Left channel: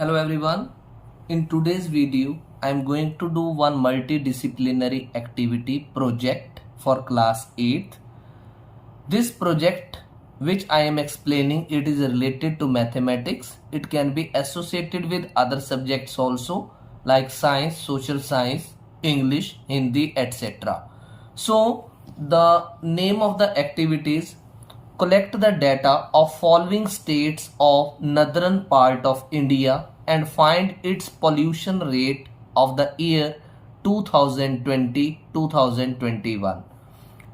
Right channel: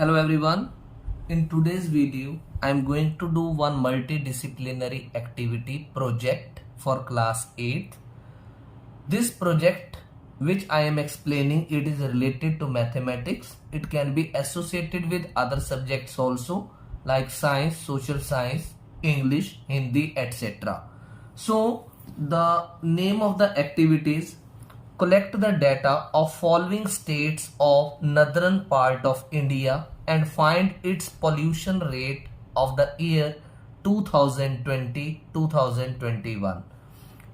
Hello everyone. In today's video, I am going to do one multidisciplinary activity project for class 8th. This project which I am explaining, it is related to mathematics. It can be associated with other subjects also like science, social science, English, Hindi, etc. So the name of the activity is collect the data of following states of northern part of India and find its pollution rate of the year 2020-2021.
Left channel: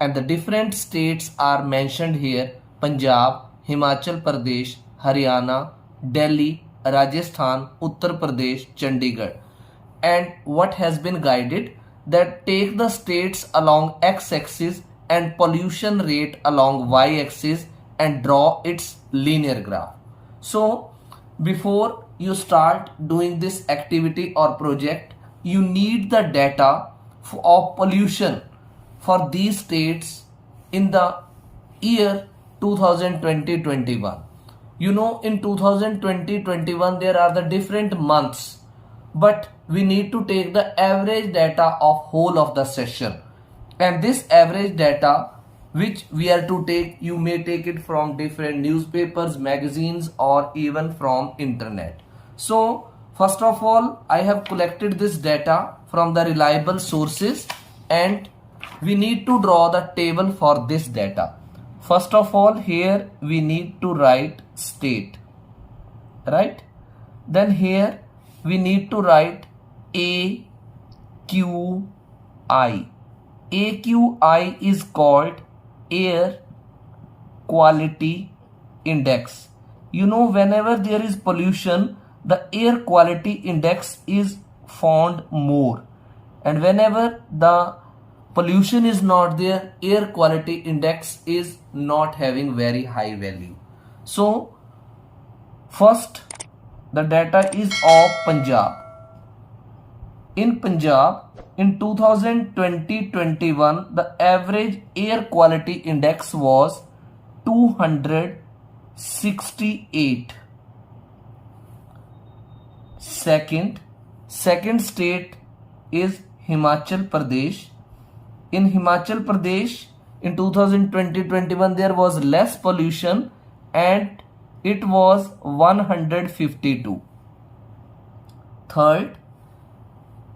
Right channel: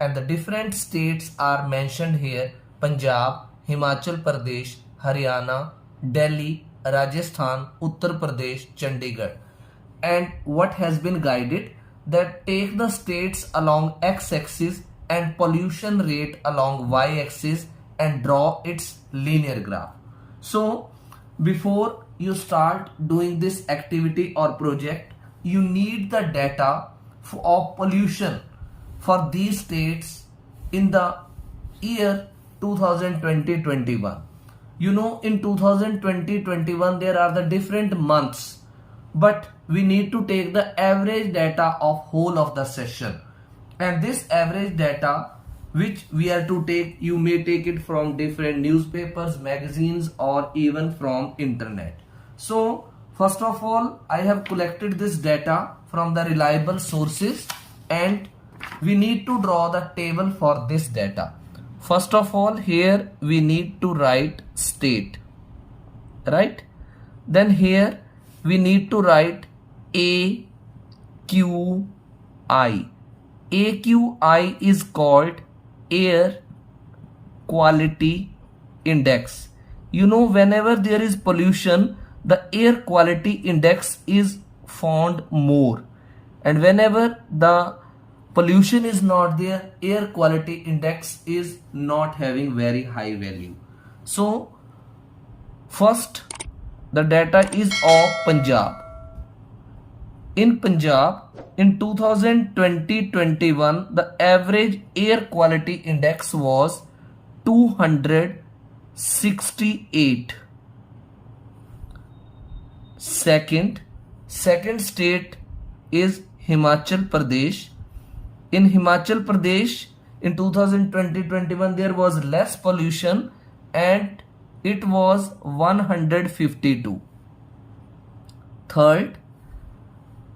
And the different states are mentioned here: Punjab, Himachal Pradesh, Haryana, Delhi, Rajasthan, Uttar Pradesh, Chandigarh. And what has been guided, that take the states along x-axis and pollution rate along y-axis and draw its linear graph. So before you start doing this activity or project, you need the data of pollution for these states in the year 2020-21. You know, in 2020-21 there are the different months, but we need to take the average data of whole of the session. And this average data which we are to take, you may take it from different newspapers, magazines, or even from internet. So first of all, I have collected this data from the reliable sources and we need to draw the table for this data. First of all, here we need to write state, right? Then here we need to write AQI. AQI is called air quality index. You know, whenever there is pollution, the air quality index is found more, and whenever the pollution is not there, air quality index is not having very high value. So first, the data is of Punjab. In Punjab, in 2020-21, the average air quality index was 268. Second state is Himachal Pradesh. In Himachal Pradesh, in 2020-21, there was less pollution and it was 152. Third,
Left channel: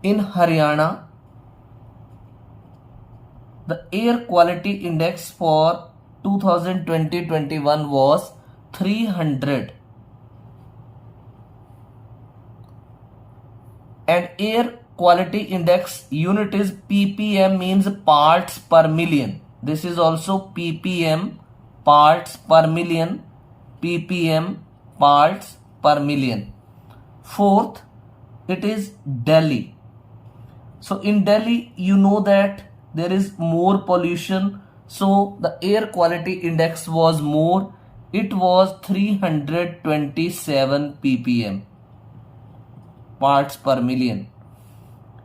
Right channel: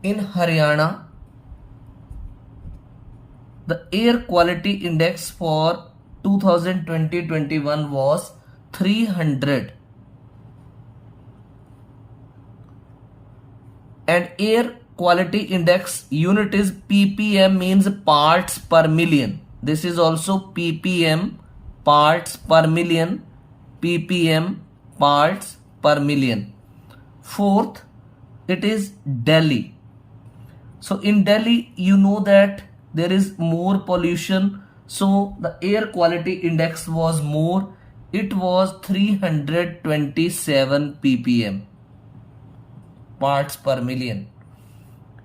in Haryana, the air quality index for 2020-21 was 300. And air quality index unit is ppm, means parts per million. This is also ppm, parts per million, ppm, parts per million. Fourth, it is Delhi. So in Delhi, you know that there is more pollution, so the air quality index was more. It was 327 ppm, parts per million.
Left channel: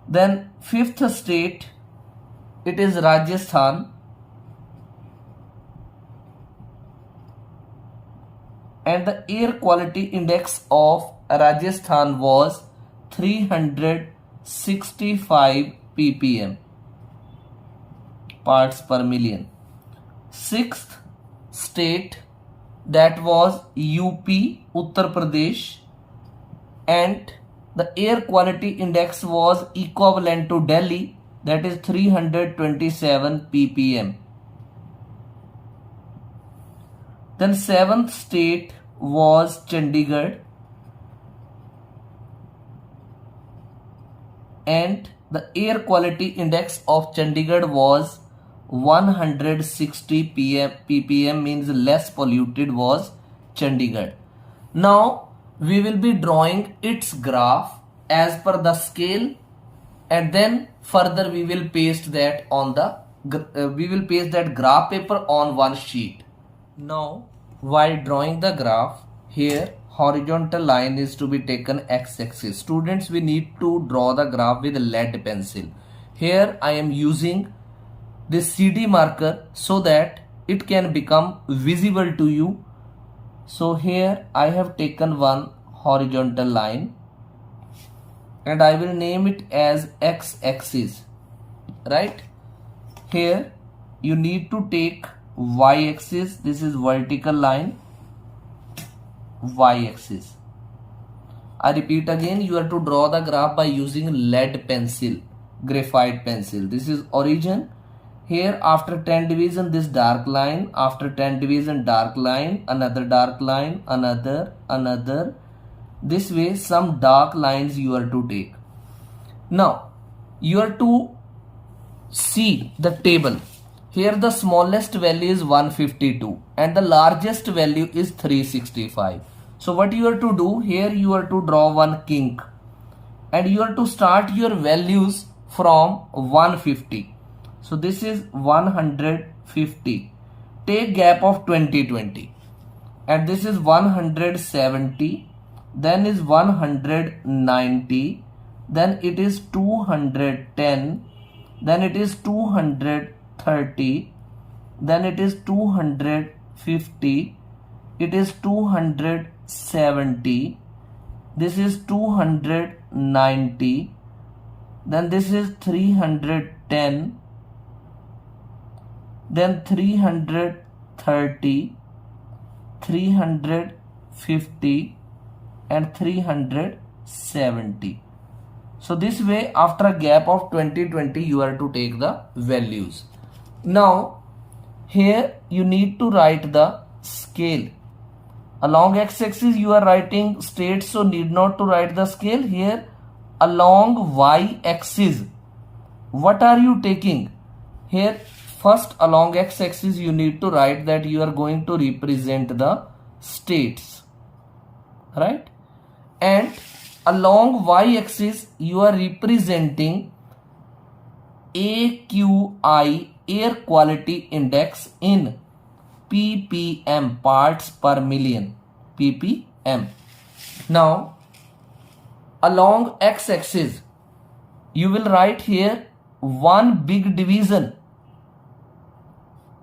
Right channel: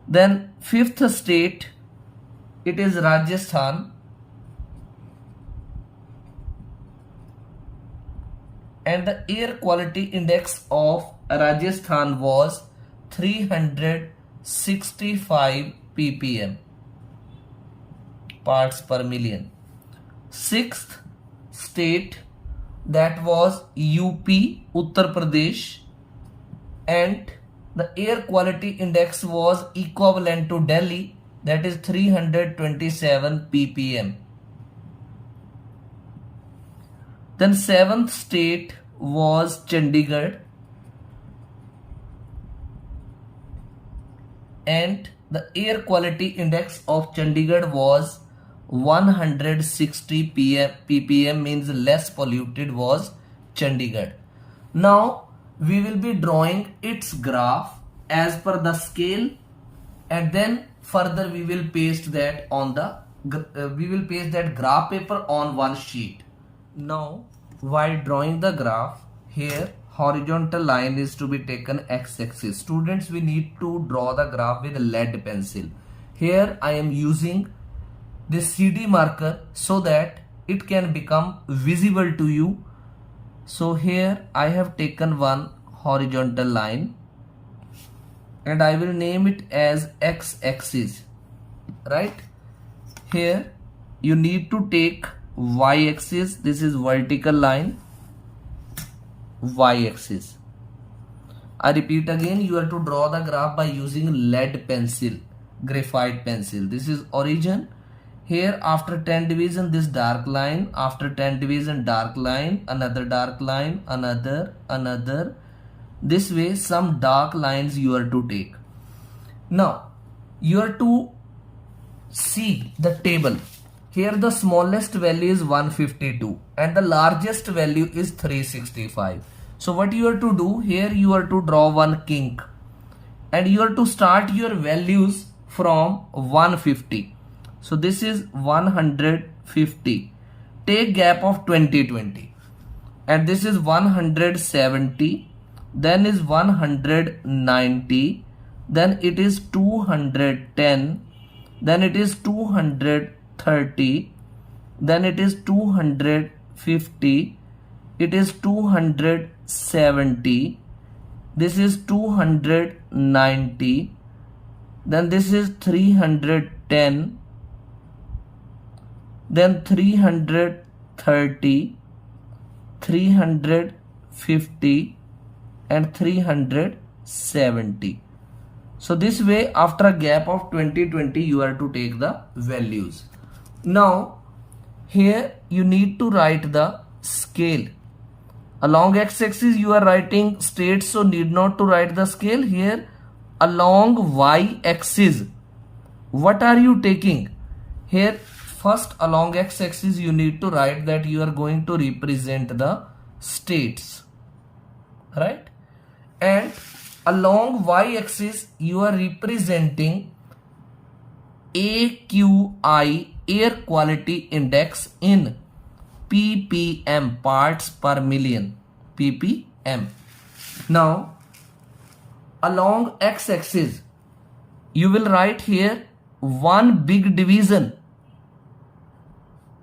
Then fifth state, it is Rajasthan, and the air quality index of Rajasthan was 365 ppm, parts per million. Sixth state, that was UP, Uttar Pradesh, and the air quality index was equivalent to Delhi, that is 327 ppm. Then seventh state was Chandigarh, and the air quality index of Chandigarh was 160 ppm, means less polluted was Chandigarh. Now we will be drawing its graph as per the scale, and then further we will paste that on the graph paper on one sheet. Now while drawing the graph, here horizontal line is to be taken x-axis. Students, we need to draw the graph with lead pencil. Here I am using this CD marker so that it can become visible to you. So here I have taken one horizontal line, and I will name it as x-axis, right? Here you need to take y-axis, this is vertical line, y-axis. I repeat again, you have to draw the graph by using lead pencil, graphite pencil. This is origin. Here after 10 division, this dark line, after 10 division, dark line, another dark line, another. This way some dark lines you are to take. Now you are to see the table. Here the smallest value is 152 and the largest value is 365. So what you are to do here, you are to draw one kink and you are to start your values from 150. So this is 150. Take gap of 20. And this is 170. Then is 190. Then it is 210. Then it is 230. Then it is 250. It is 270. This is 290. Then this is 310. Then 330, 350 and 370. So this way after a gap of 20 you are to take the values. Now here you need to write the scale. Along x-axis you are writing straight, so need not to write the scale. Here along y-axis, what are you taking? Here first along x-axis you need to write that you are going to represent the states, right? And along y-axis you are representing AQI, air quality index, in ppm, parts per million, ppm. Now along x-axis you will write here one big division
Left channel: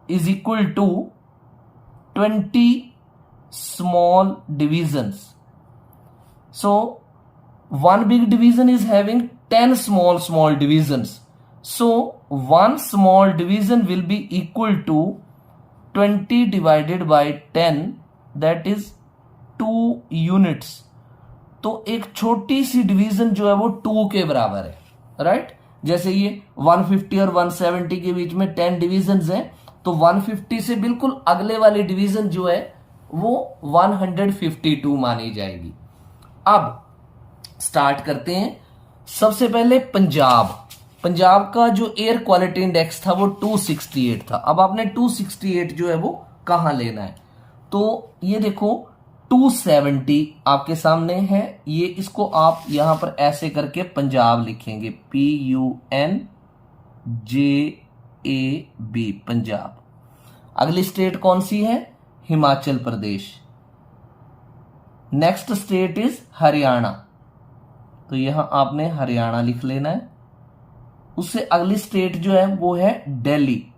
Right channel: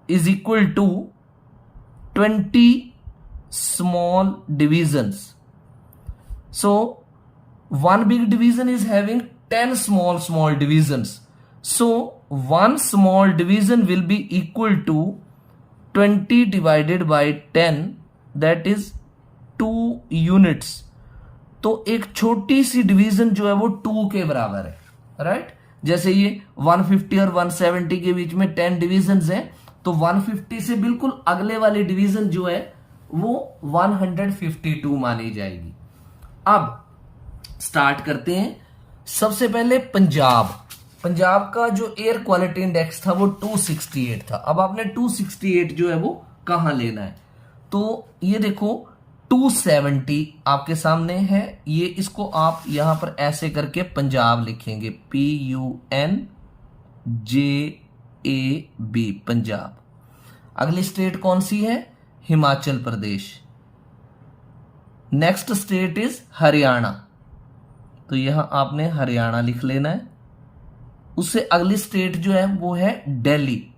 is equal to 20 small divisions. So one big division is having 10 small divisions. So one small division will be equal to 20 divided by 10, that is 2 units. तो एक छोटी सी division जो है वो 2 के बराबर है, right? जैसे ये 150 और 170 के बीच में 10 डिविजन्स हैं, तो 150 से बिल्कुल अगले वाली डिवीजन जो है वो 152 मानी जाएगी। अब स्टार्ट करते हैं। सबसे पहले पंजाब का जो एयर क्वालिटी इंडेक्स था वो 268 था। अब आपने 268 जो है वो कहां लेना है, तो ये देखो 270 आपके सामने है, ये इसको आप यहां पर ऐसे करके पंजाब लिखेंगे, PUNJAB, पंजाब। अगली स्टेट कौन सी है? Himachal Pradesh. Next state is Haryana, तो यहां आपने हरियाणा लिख लेना है। उससे अगली स्टेट जो है वो है Delhi.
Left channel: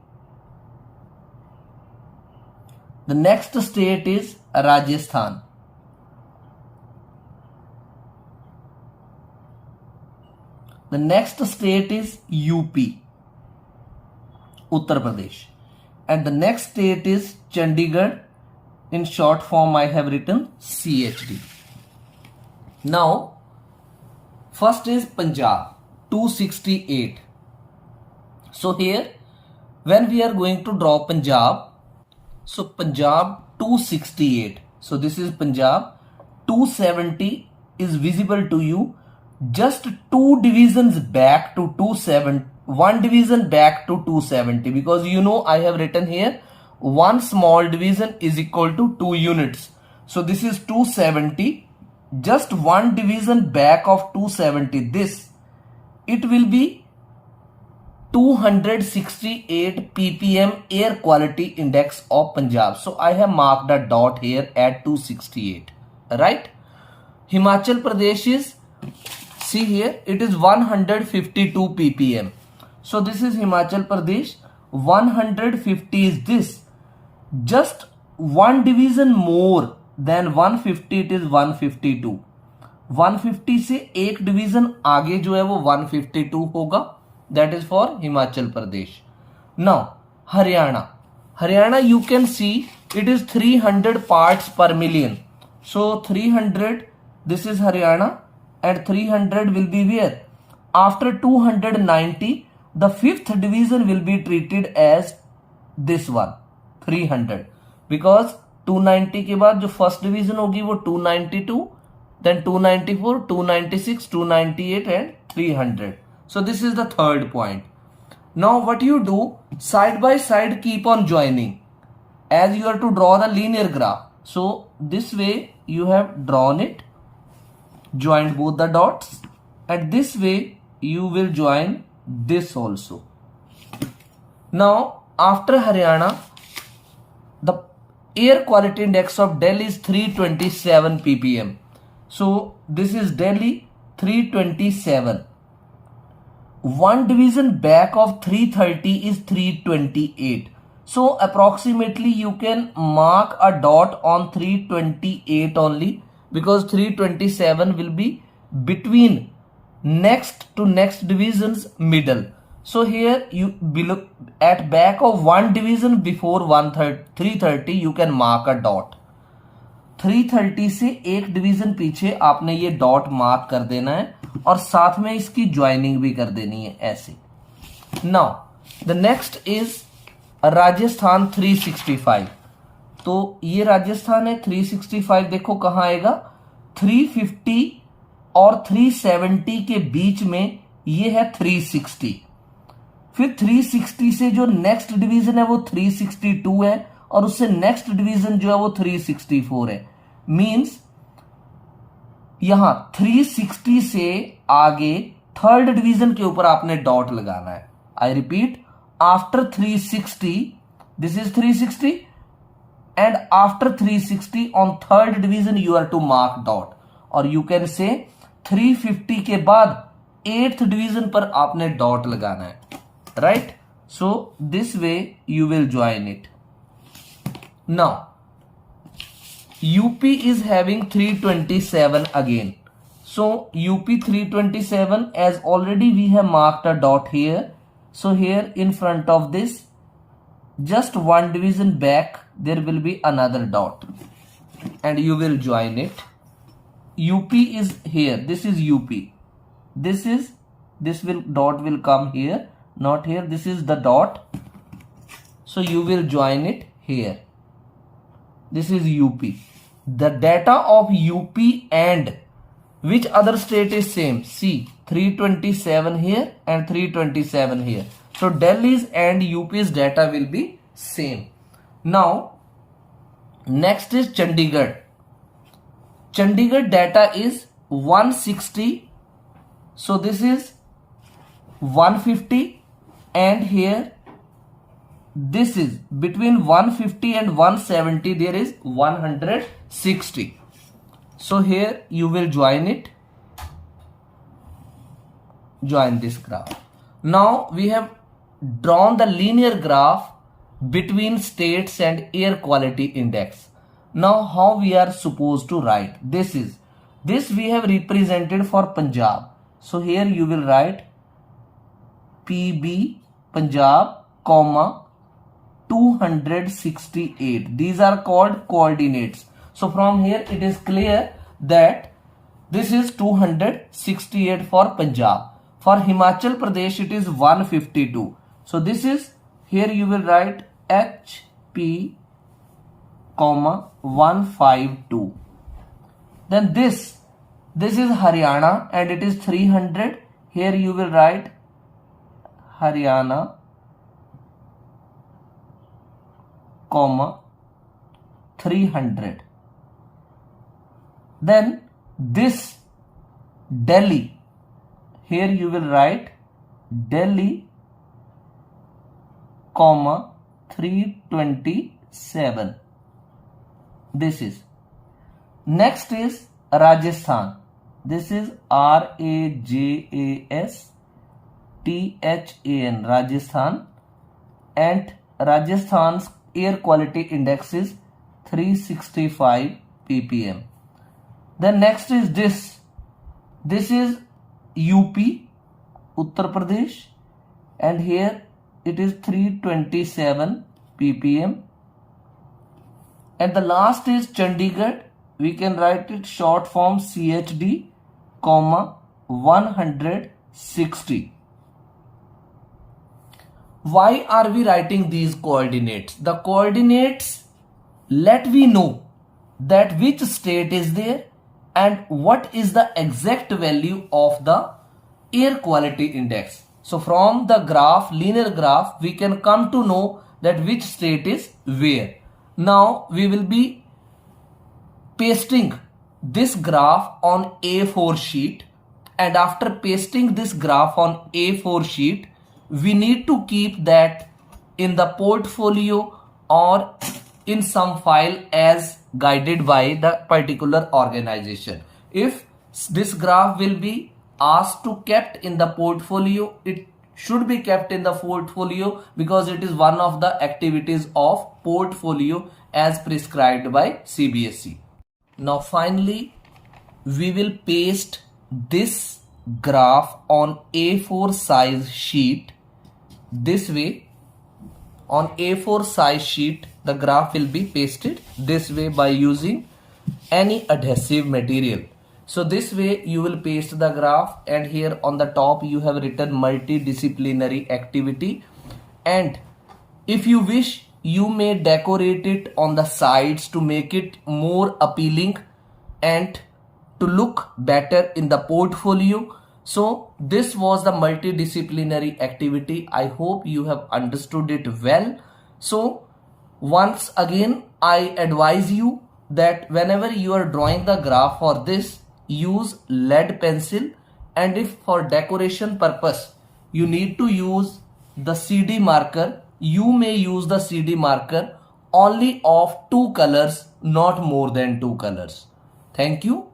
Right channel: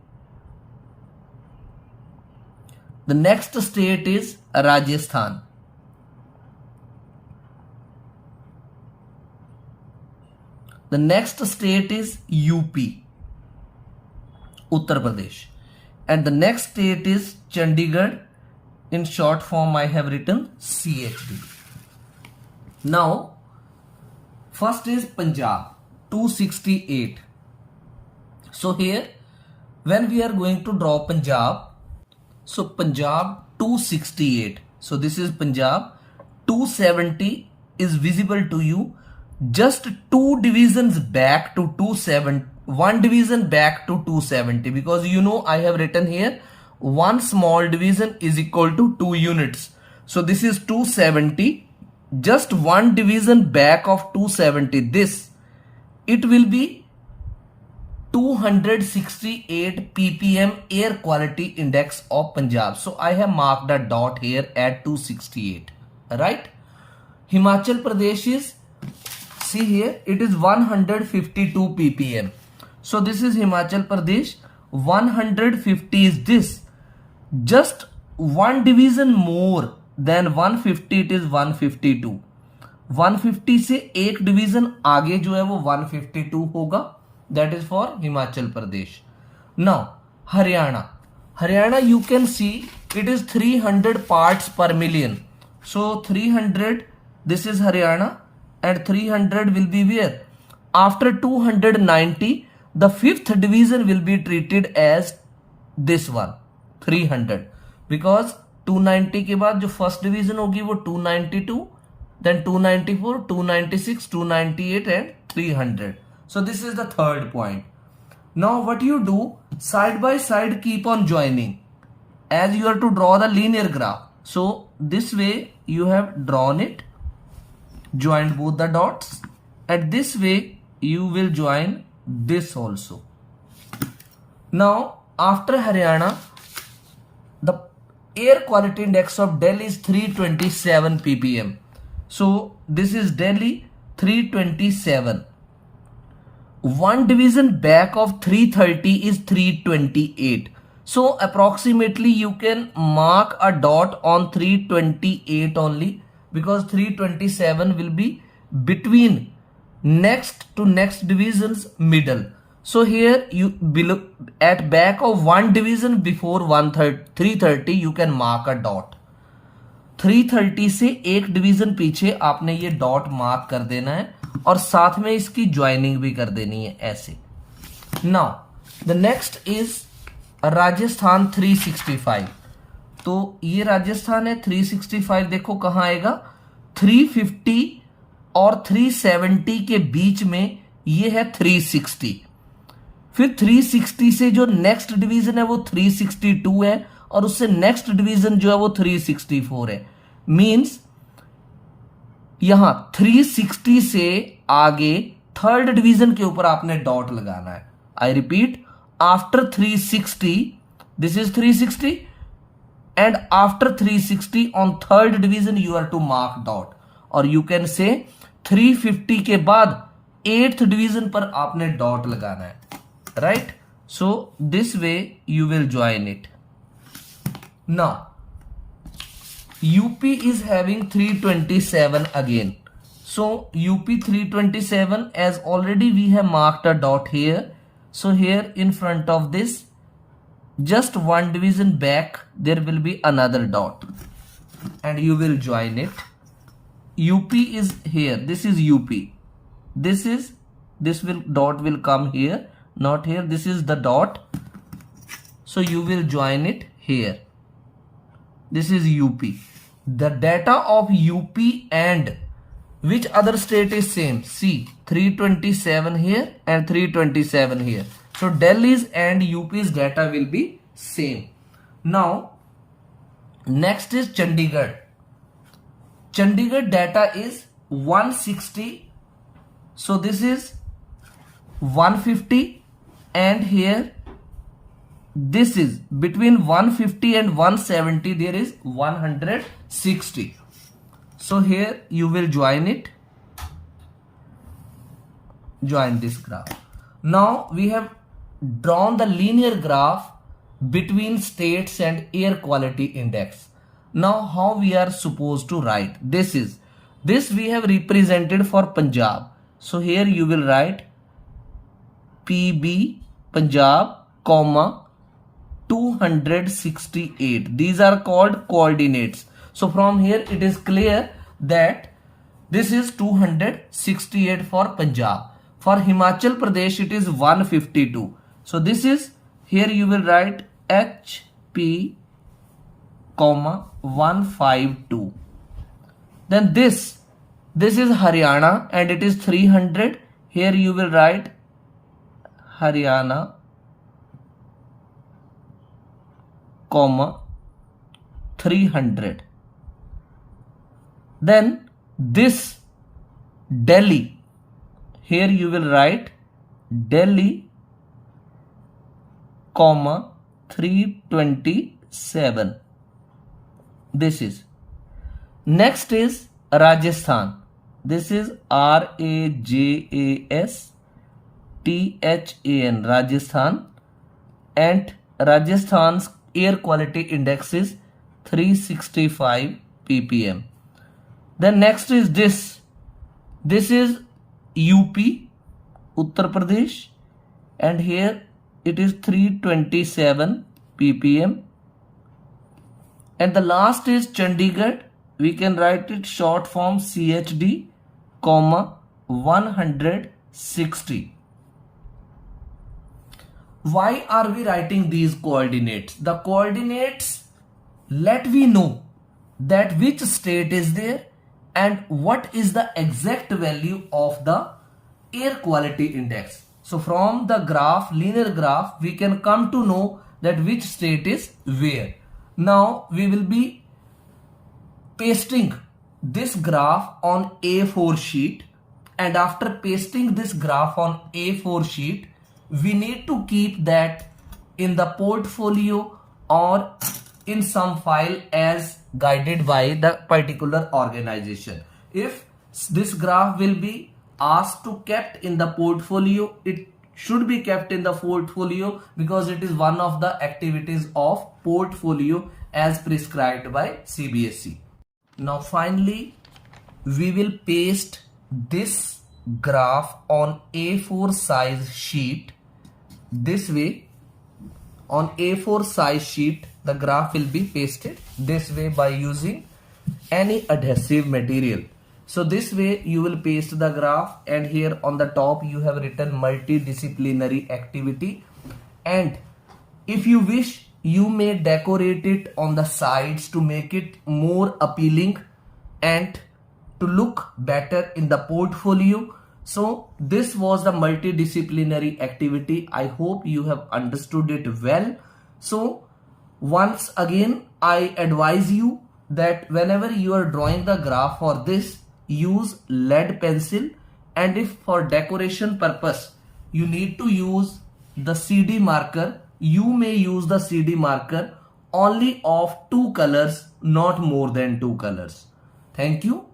The next state is Rajasthan. The next state is UP, Uttar Pradesh. And the next state is Chandigarh. In short form I have written CHD. Now first is Punjab, 268. So here when we are going to draw Punjab, so Punjab 268, so this is Punjab. 270 is visible to you, just 2 divisions back to 270, 1 division back to 270, because you know I have written here one small division is equal to 2 units. So this is 270, just 1 division back of 270, this it will be 268 ppm air quality index of Punjab. So I have marked a dot here at 268, right? Himachal Pradesh is, see here, it is 152 ppm. So this is Himachal Pradesh. 150 is this, just 1 division more than 150, it is 152. 150 से एक division आगे जो है वो 152 होगा, that is for Himachal Pradesh. Now Haryana, Haryana you can see it is 300 parts पर million, so 300 this is Haryana and 300 will be where? After 290 the fifth division will be treated as this one 300, because 290 के बाद जो first division होगी वो 292, then 294, 296, 298 and 300. So this is the third point. Now what you do, side by side keep on joining as you are to draw the linear graph. So this way you have drawn it, joined both the dots, and this way you will join this also. Now after Haryana, the air quality index of Delhi is 327 ppm. So this is Delhi 327. One division back of 330 is 328. So approximately you can mark a dot on 328 only, because 327 will be between next to next division's middle. So here you below at back of one division before 330 you can mark a dot. 330 से एक division पीछे आपने ये dot mark कर देना है और साथ में इसकी ज्वाइनिंग भी कर देनी है ऐसे। Now the next is Rajasthan 365। तो ये राजस्थान है 365, देखो कहां आएगा, 350 और 370 के बीच में ये है 360। फिर 360 से जो नेक्स्ट डिवीजन है वो 362 है और उससे नेक्स्ट डिवीजन जो है वो 364 है। मींस यहां 360 से आगे थर्ड डिवीजन के ऊपर आपने डॉट लगाना है। I repeat, after 360 this is 360 and after 360 on third division you are to mark dot, और you can say 350 के बाद 8th division पर आपने डॉट लगाना है, right? So this way you will join it. Now UP is having 327 again. So UP 327, as already we have marked a dot here, so here in front of this just one division back there will be another dot and you will join it. UP is here, this is UP, this will dot will come here, not here, this is the dot, so you will join it here. This is UP. The data of UP and which other state is same? See, 327 here and 327 here. So Delhi's and UP's data will be same. Now next is Chandigarh. Chandigarh data is 160. So this is 150 and here this is between 150 and 170 there is 160. So here you will join it, join this graph. Now we have drawn the linear graph between states and air quality index. Now how we are supposed to write this we have represented for Punjab. So here you will write PB Punjab comma 268. These are called coordinates. So from here it is clear that this is 268 for Punjab. For Himachal Pradesh it is 152. So this is, here you will write HP comma 152. Then this is Haryana and it is 300. Here you will write Haryana comma 300. Then this Delhi, here you will write Delhi comma 327. This is. Next is Rajasthan. This is RAJASTHAN, Rajasthan, and Rajasthan's air quality index is 365 ppm. Then next is this This is UP, Uttar Pradesh, and here it is 327 ppm. And the last is Chandigarh. We can write it short form CHD, comma 160. Why are we writing these coordinates? The coordinates let we know that which state is there and what is the exact value of the air quality index. So from the graph, linear graph, we can come to know that which state is where. Now we will be pasting this graph on A4 sheet, and after pasting this graph on A4 sheet, we need to keep that in the portfolio or in some file as guided by the particular organization. If this graph will be asked to kept in the portfolio, it should be kept in the portfolio because it is one of the activities of portfolio as prescribed by CBSE. Now finally, we will paste this graph on A4 size sheet. This way, on A4 size sheet, the graph will be pasted this way by using any adhesive material. So this way you will paste the graph, and here on the top you have written multidisciplinary activity, and if you wish you may decorate it on the sides to make it more appealing and to look better in the portfolio. So this was the multidisciplinary activity. I hope you have understood it well. So once again I advise you that whenever you are drawing the graph for this, use lead pencil, and if for decoration purpose you need to use the CD marker, you may use the CD marker only of 2 colors, not more than 2 colors. Thank you.